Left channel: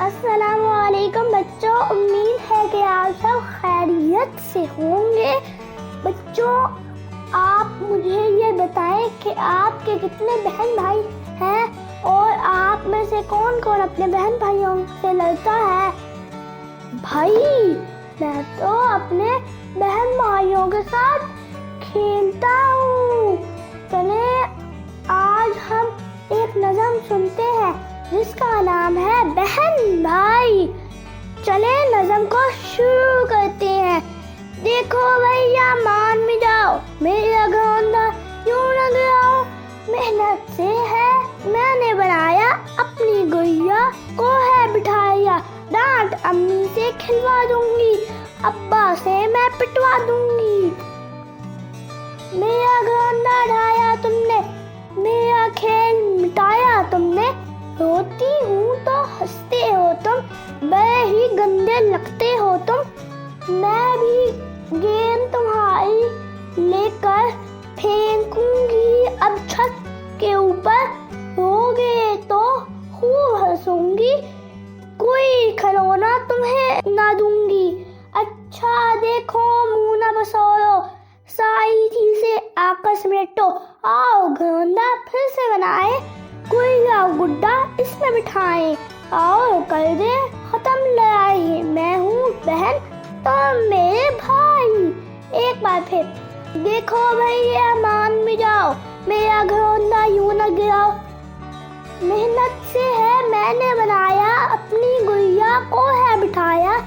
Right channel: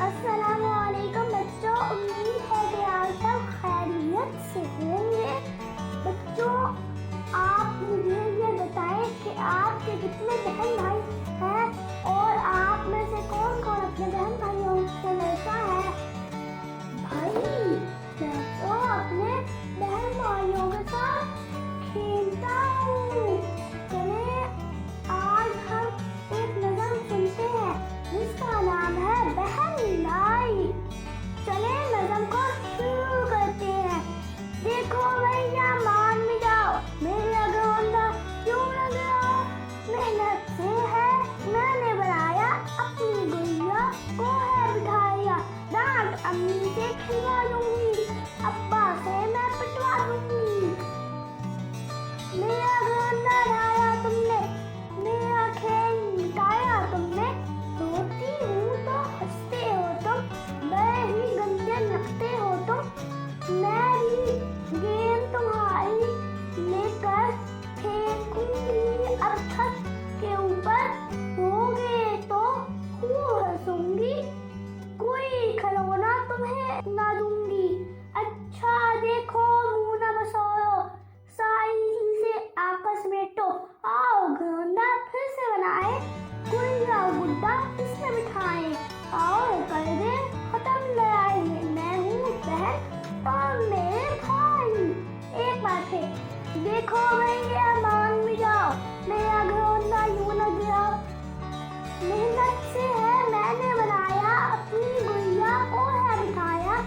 السلام علیکم بچوں، امید ہے کہ آپ سب خیریت سے ہوں گے۔ بچوں، آپ مجھے یہ بتائیں کہ آپ کے کتنے بہن بھائی ہیں اور آپ میں سے کون کون اپنے بہن بھائیوں سے لڑتا ہے؟ بھائی، میں تو اپنے بہن بھائیوں کے ساتھ کھیلتا ہوں۔ چلیں آج ہم ایک نظم سنتے ہیں جس کا نام ہے بہن بھائی۔ چلیں نظم کو شروع کرتے ہیں۔ دیکھو بھیا مان میں جاؤ، میرا گھوندا یوں نہ گراؤ، محنت سے ہے میں نے بنایا، اپنی گڑیا کو ہے بٹھایا، ڈانٹ امی سے کھلوا دوں گی، ابا سے میں پٹوا دوں گی۔ میرا گھوندا ڈھایا تم نے، میرا کھیل مٹایا تم نے، روتی ہوں تو ہنستے ہو تم، بڑے ہی گندے لگتے ہو تم۔ میں بھی گیند تمہاری لے کر پھینکوں گی اب چھت کے اوپر، روگے تو خوب ہنسوں گی، کوئی کھلونا تمہیں نہ دوں گی۔ اچھا دیکھو منہ نہ بسولو، ساری چیزیں آپس میں تو آؤ گھوندا پھر سے بنائے، گڑیا گڈا اس میں بٹھائیں، آؤ کر دے ختم لڑائی، میں ہوں بہن تم میرے بھائی۔ ایک بار پھر دیکھو بھیا مان بھی جاؤ، میرا گھوندا یوں نہ گراؤ، محنت سے ہے میں نے بنایا، اپنی گڑیا کو ہے بٹھایا،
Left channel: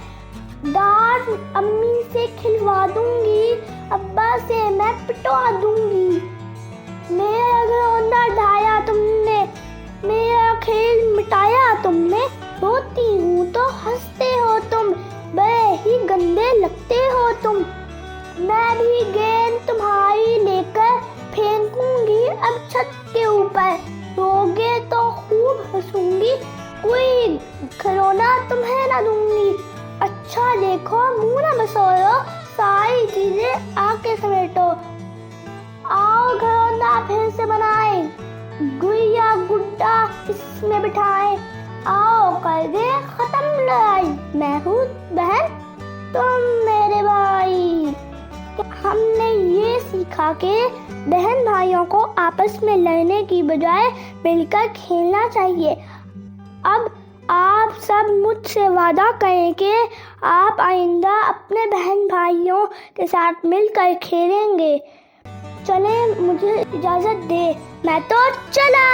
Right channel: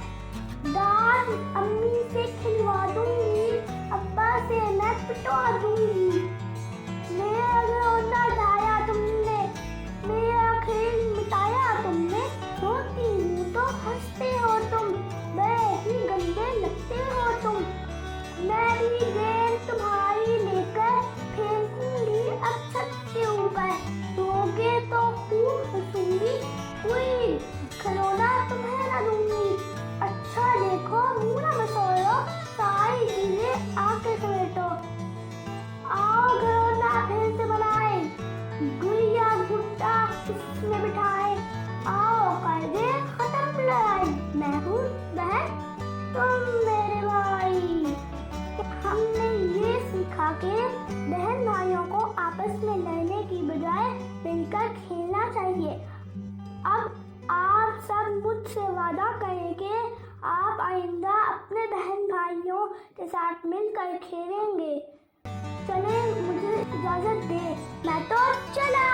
ڈانٹ امی سے کھلوا دوں گی، ابا سے میں پٹوا دوں گی۔ میرا گھوندا ڈھایا تم نے، میرا کھیل مٹایا تم نے، روتی ہوں تو ہنستے ہو تم، بڑے ہی گندے لگتے ہو تم۔ میں بھی گیند تمہاری لے کر پھینکوں گی اب چھت کے اوپر، روگے تو خوب ہنسوں گی، کوئی کھلونا تمہیں نہ دوں گی۔ اچھا دیکھو منہ نہ بسولو، ساری چیزیں آ کے سمیٹو، آؤ گھوندا پھر سے بنائے، گڑیا گڈا اس میں بٹھائے، آؤ کر دے ختم لڑائی، میں ہوں بہن تم میرے بھائی۔ ہم نے یہ سیکھا کہ بہن بھائیوں کو آپس میں لڑنے کی بجائے مل کر کھیلنا چاہیے۔ اب آپ سب مجھ سے وعدہ کریں کہ آپ آئندہ اپنے بہن بھائیوں کے ساتھ مل کر کھیلیں گے۔ چلیں مجھے اجازت دے، میں تو چلا۔